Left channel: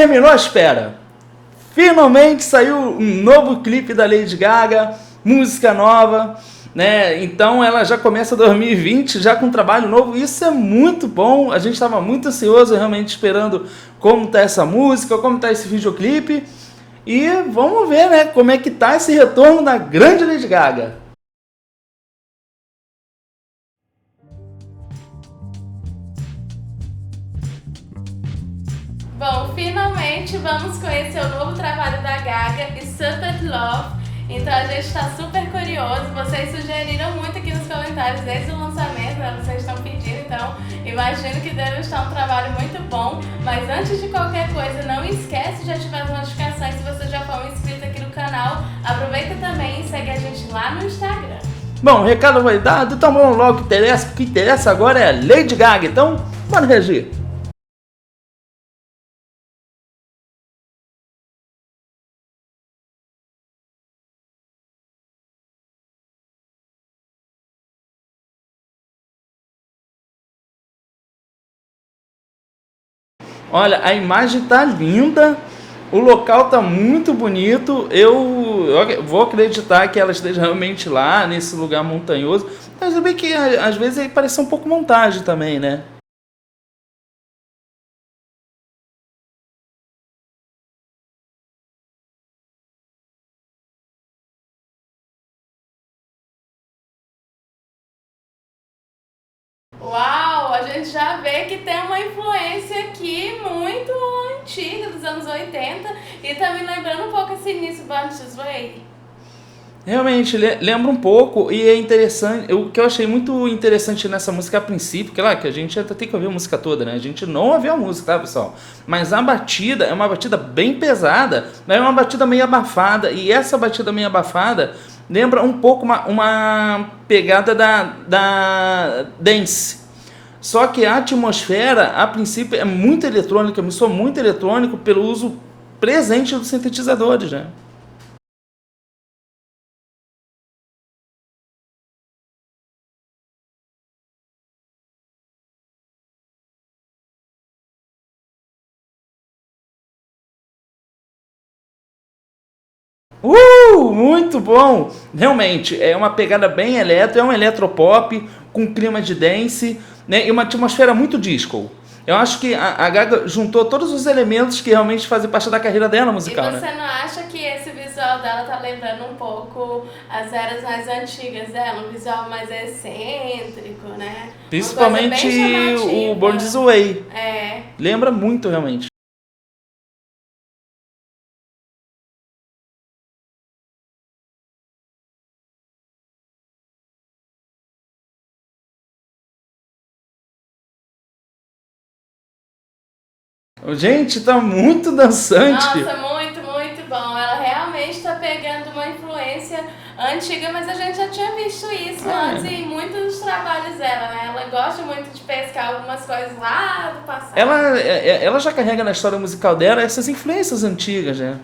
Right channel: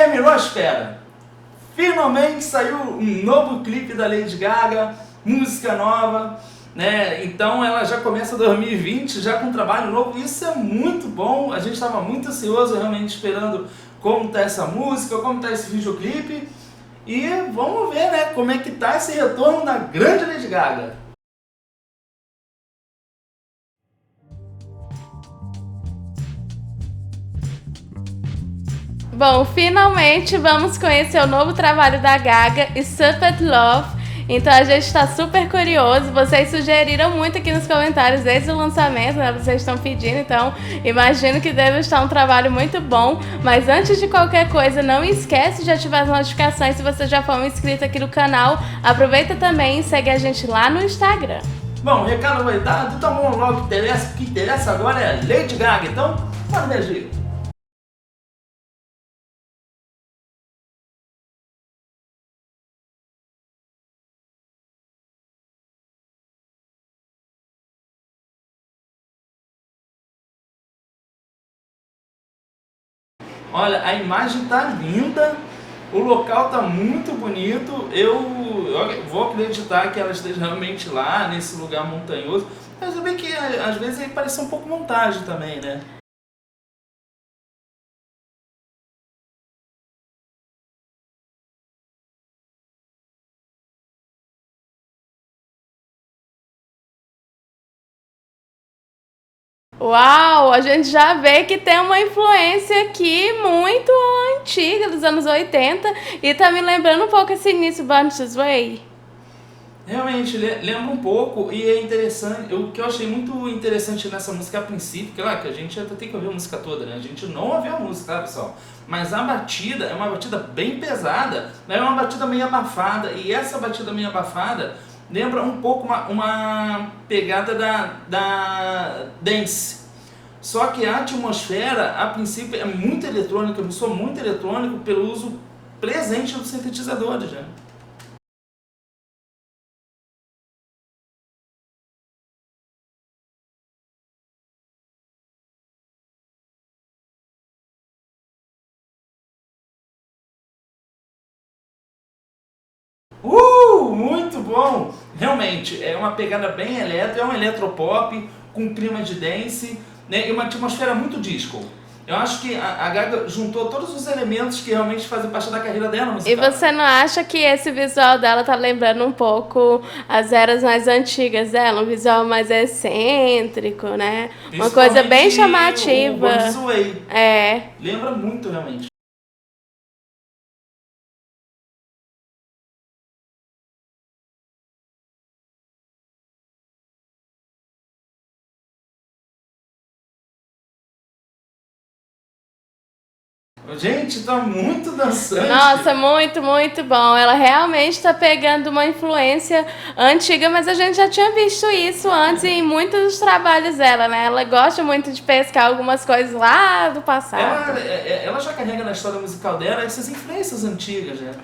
Terminou a espera. Finalmente saiu um novo clipe da Lady Gaga, música nova, né? Então ela já começa 2020 já com um trabalho novo. Isso é muito bom. A gente estava muito ansioso, realmente esperando como tá essa música, como tá esse videoclipe. E vamos ver, né, como é que tá esse retorno da grande Lady Gaga. Bom, finalmente vamos conhecer o novo trabalho da Gaga, Stupid Love. Então a gente está super curioso. Vocês sugeriram muito aqui nos comentários desde o lançamento, né? Vocês estão pedindo, então imagino que deve estar um trabalho muito bom. Mas antes de qualquer coisa, não esquece de ativar as notificações se você já for um inscrito aqui no canal. Aproveita também e segue a gente lá no Instagram. Bom, o recado foi dado, então vamos logo, o que interessa agora é a Lady Gaga. Então, bora reagir. Olha, a imagem tá linda, o local tá muito bonito. Eu vou acreditar que ela esteja realmente lá, nesse lugar montanhoso. Mas eu bem que às vezes parece um pouco montagem também, né? Uau, a gente já vê que tem uma influência aqui muito antiga, dos anos 80, e tá me lembrando um pouco esse início Born This Way. Realmente lembra um pouco e é interessante. O que eu achei muito interessante nessa música a princípio, que a gente até tem que ouvir a música toda, né? A gente não ouviu a música, tá, pessoal? Mas a batida é uma batida bem pesada, né? É uma batida meio abafada, e essa batida meio abafada lembra um pouco uma pegada da dance. Só que a atmosfera, a princípio, é muito eletrônica, me soa muito eletrônico pelo uso presente dos sintetizadores, né? Muito bom! Realmente, é uma pegada bem eletro, é um eletropop com clima de dance, né? E uma atmosfera muito disco. Eu acho que a Gaga juntou todos os elementos que realmente fazem parte da carreira dela E musical, né? você não acha que esse visual dela tá lembrando um pouco as eras mais antigas dela? Um visual mais excêntrico, né? Uma coisa bem Principalmente o chamativa. Born This Way. É. Lembra muito, realmente. Gente, tá muito dançante. Nossa, muito, muito bom. Ela realmente tá pegando uma influência antiga, mas a gente já tinha visto isso antes em muitos dos trabalhos dela, né? Ela gosta muito de pescar algumas coisas lá do passado. Ela já carrega na história musical dela essas influências antigas, né?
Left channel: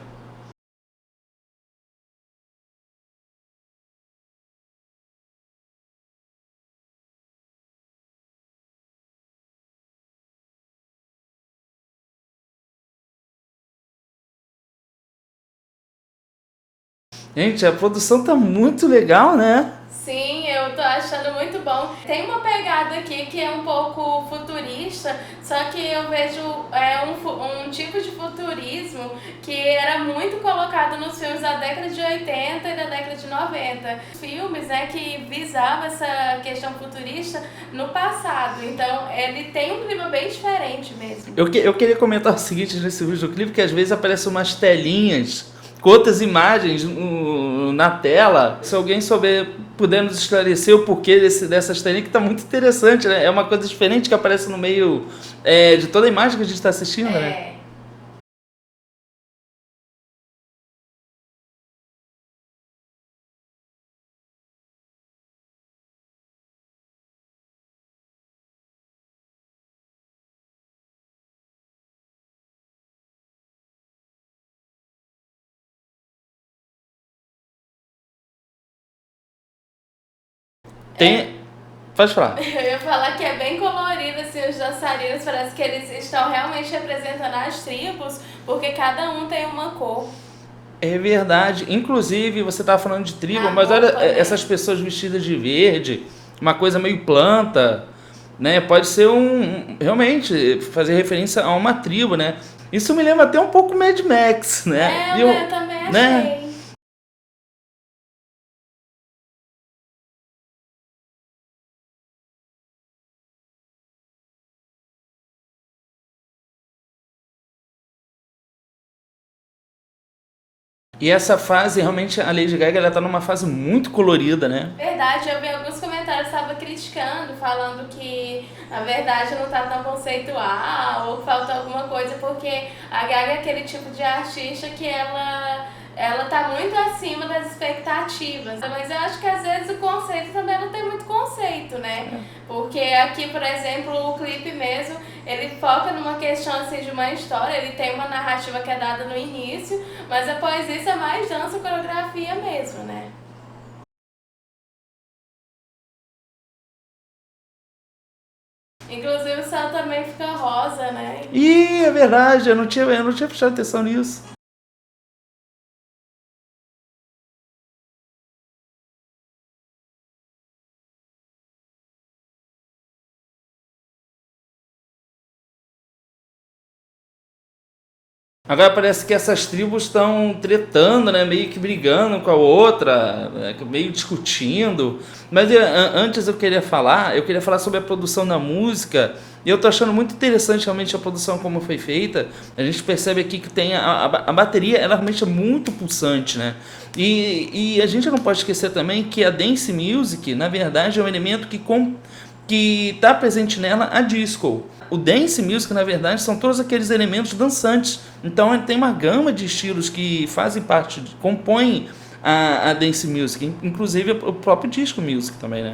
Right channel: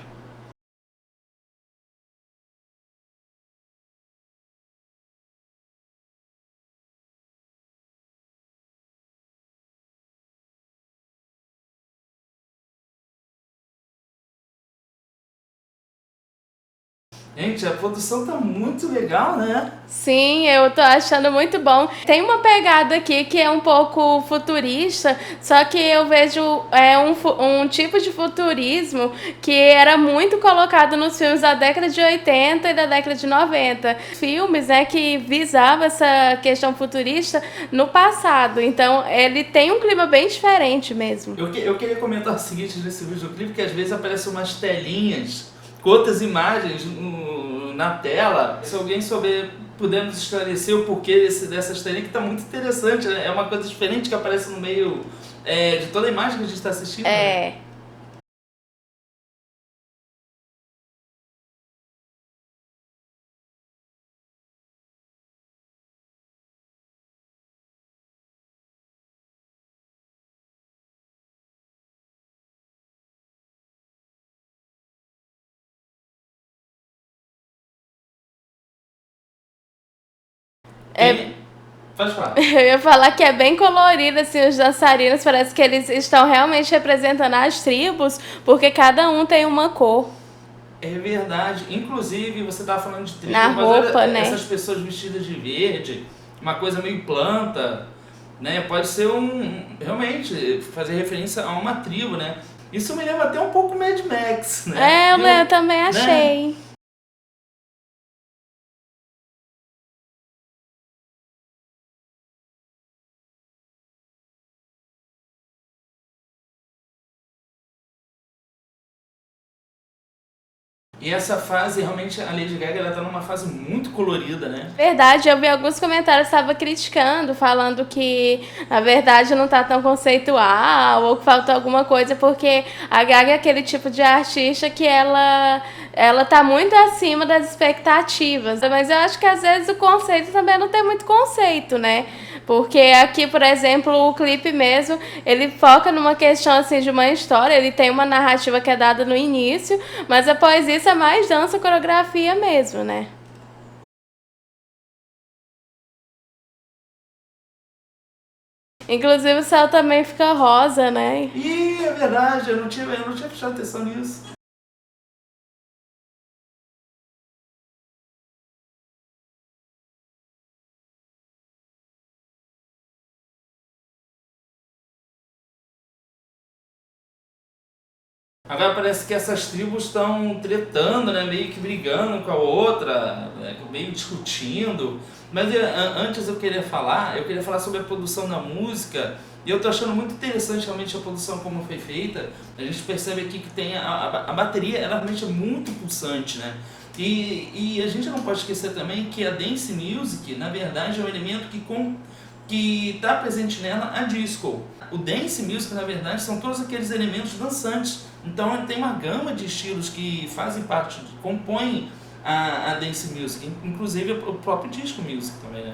Gente, a produção tá muito legal, né? Sim, eu tô achando muito bom. Tem uma pegada aqui que é um pouco futurista, só que eu vejo um tipo de futurismo que era muito colocado nos filmes da década de 80 e da década de 90. Filmes, né, que visavam essa questão futurista no passado. Então, ele tem um clima bem diferente mesmo. Eu queria comentar o seguinte nesse videoclipe, que às vezes aparecem umas telinhas com outras imagens na tela. Se alguém puder nos esclarecer o porquê dessas telinhas, que tá muito interessante, né? É uma coisa diferente que aparece no meio de toda a imagem que a gente está assistindo, né? É. Tem, Pode falar. Eu ia falar que é bem colorido, assim, os dançarinos, parece que eles estão realmente representando as tribos, porque cada um tem uma cor. É verdade. Inclusive, você tava falando de tribo, Na mas roupa, olha né? essas pessoas vestidas de verde, uma coisa meio planta, né? Pode ser realmente fazer referência a uma tribo, né? Isso me lembra até um pouco Mad Max, né? Eu também né? achei. E essa fase, realmente, a Lady Gaga, ela tá numa fase muito colorida, né? Verdade, eu vi alguns comentários que estavam criticando, falando que na verdade não tá tão conceitual ou que faltou alguma coisa, porque a Gaga é aquele tipo de artista que ela tá muito acima das expectativas. Mas eu acho que às vezes o conceito também não tem muito conceito, né? Porque aqui, por exemplo, o clipe mesmo, ele foca numa questão assim de uma história, ele tem uma narrativa que é dada no início, mas após isso é mais dança, coreografia mesmo, né? Inclusive o céu também fica rosa, né? Ih, é verdade, eu não tinha prestado atenção nisso. Agora parece que essas tribos estão tretando, né? Meio que brigando com a outra, né, meio discutindo. Mas antes eu queria falar sobre a produção da música. E eu tô achando muito interessante realmente a produção como foi feita. A gente percebe aqui que tem a bateria, ela realmente é muito pulsante, né? E a gente não pode esquecer também que a dance music, na verdade, é um elemento que está presente nela a disco. O dance music, na verdade, são todos aqueles elementos dançantes. Então ele tem uma gama de estilos que fazem parte, compõem a dance music, inclusive o próprio disco music também, né?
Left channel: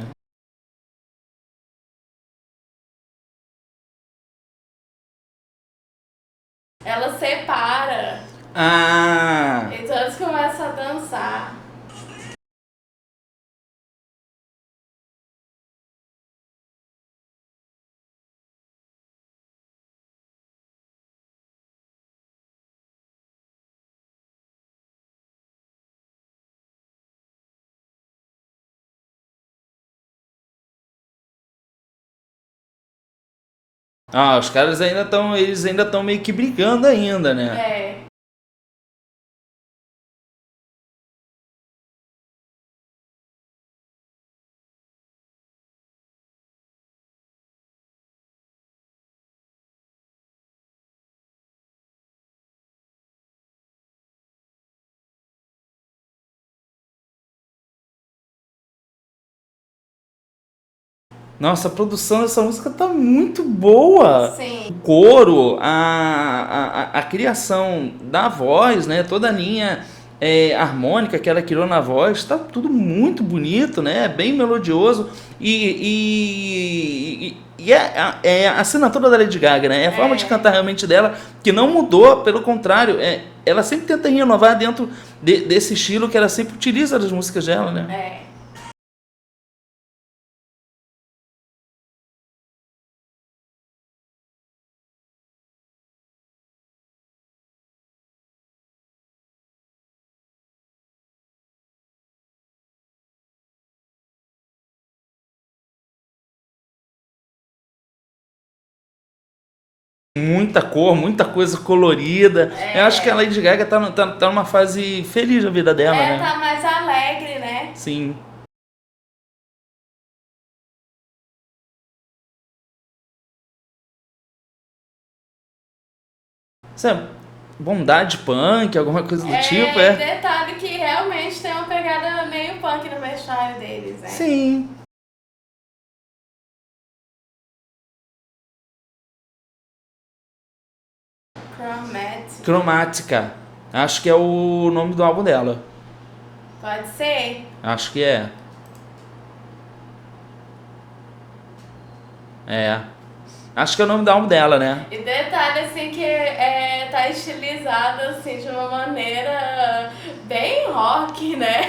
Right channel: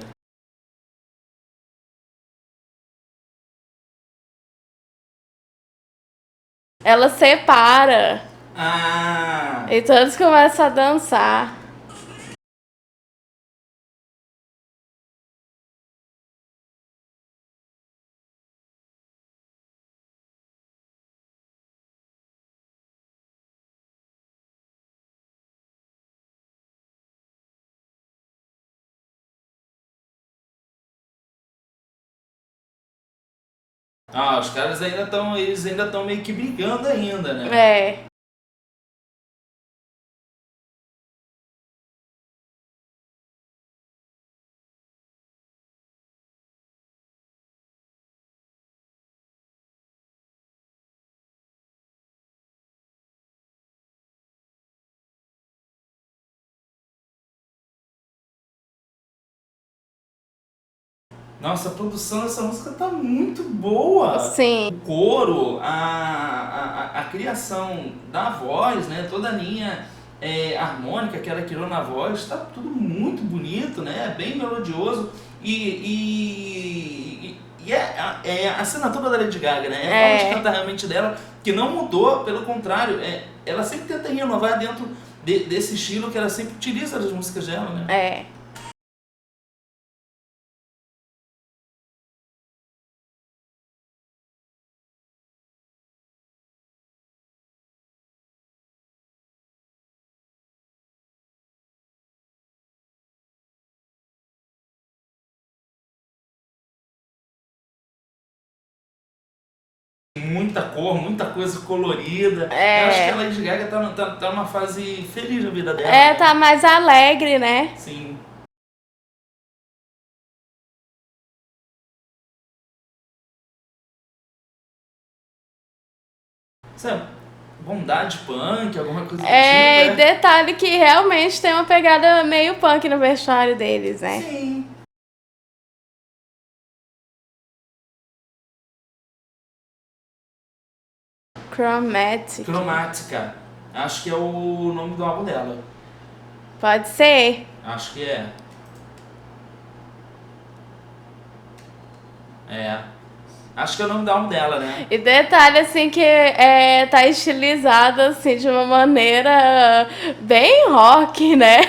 Ela separa Ah! e todos começam a dançar. Ah, os caras eles ainda estão meio que brigando ainda, né? É. Nossa, a produção dessa música tá muito boa. Sim. O coro, a criação da voz, né? Toda a linha harmônica que ela criou na voz, tá tudo muito bonito, né? Bem melodioso. E é a assinatura da Lady Gaga, né? É a forma de cantar realmente dela, que não mudou, pelo contrário, ela sempre tenta renovar dentro desse estilo que ela sempre utiliza das músicas dela, né? É. Muita cor, muita coisa colorida. Eu acho que a É. Lady Gaga tá numa fase feliz da vida dela, né? Tá mais alegre, né? Sim. Sabe, bondade punk, alguma coisa do tipo, E detalhe que realmente tem uma pegada meio punk no vestuário deles, né? Sim. Chromatic. Cromática. Acho que é o nome do álbum dela. Pode ser. Acho que é. É. Acho que é o nome do álbum dela, né? E detalhe assim que tá estilizado assim de uma maneira bem rock, né?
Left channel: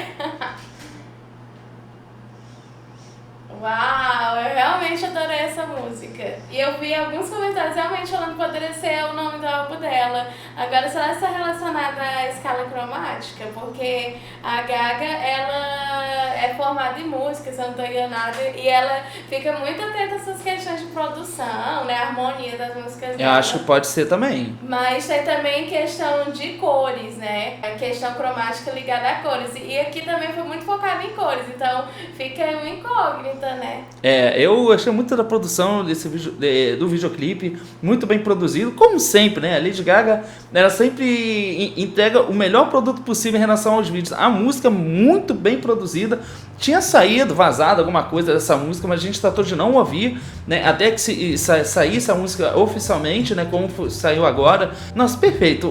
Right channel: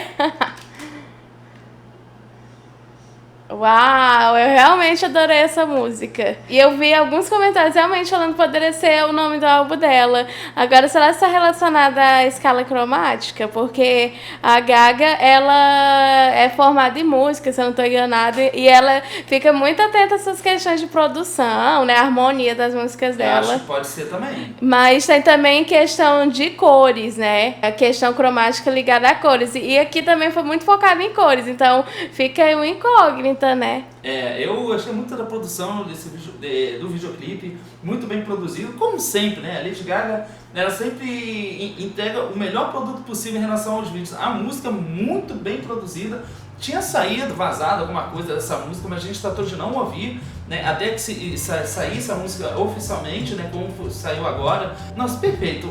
Uau, eu realmente adorei essa música. E eu vi alguns comentários realmente falando que poderia ser o nome do álbum dela. Agora, será que está relacionada à escala cromática? Porque a Gaga, ela é formada em música, se eu não estou enganada, e ela fica muito atenta a essas questões de produção, né? A harmonia das músicas dela. Eu acho que pode ser também. Mas tem também questão de cores, né? A questão cromática ligada a cores. E aqui também foi muito focado em cores, então fica aí uma incógnita, né? Eu achei muito da produção desse do videoclipe, muito bem produzido, como sempre, né? A Lady Gaga, ela sempre entrega o melhor produto possível em relação aos vídeos. A música muito bem produzida. Tinha saído, vazado alguma coisa dessa música, mas a gente tratou de não ouvir, né? Até que saísse a música oficialmente, né? Como saiu agora. Nossa, perfeito.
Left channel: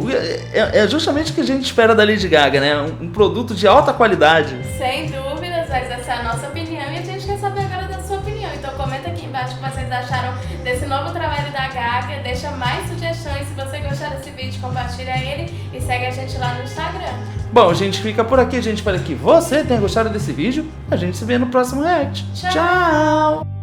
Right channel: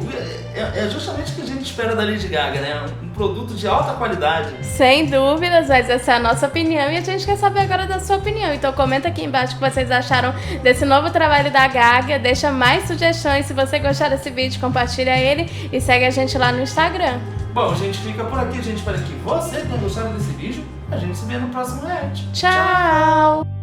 É justamente o que a gente espera da Lady Gaga, né? Um produto de alta qualidade. Sem dúvidas, mas essa é a nossa opinião e a gente quer saber agora da sua opinião. Então comenta aqui embaixo o que vocês acharam desse novo trabalho da Gaga. Deixa mais sugestões. Se você gostar desse vídeo, compartilha ele e segue a gente lá no Instagram. Bom, a gente fica por aqui. A gente espera que você tenha gostado desse vídeo. A gente se vê no próximo react. Tchau!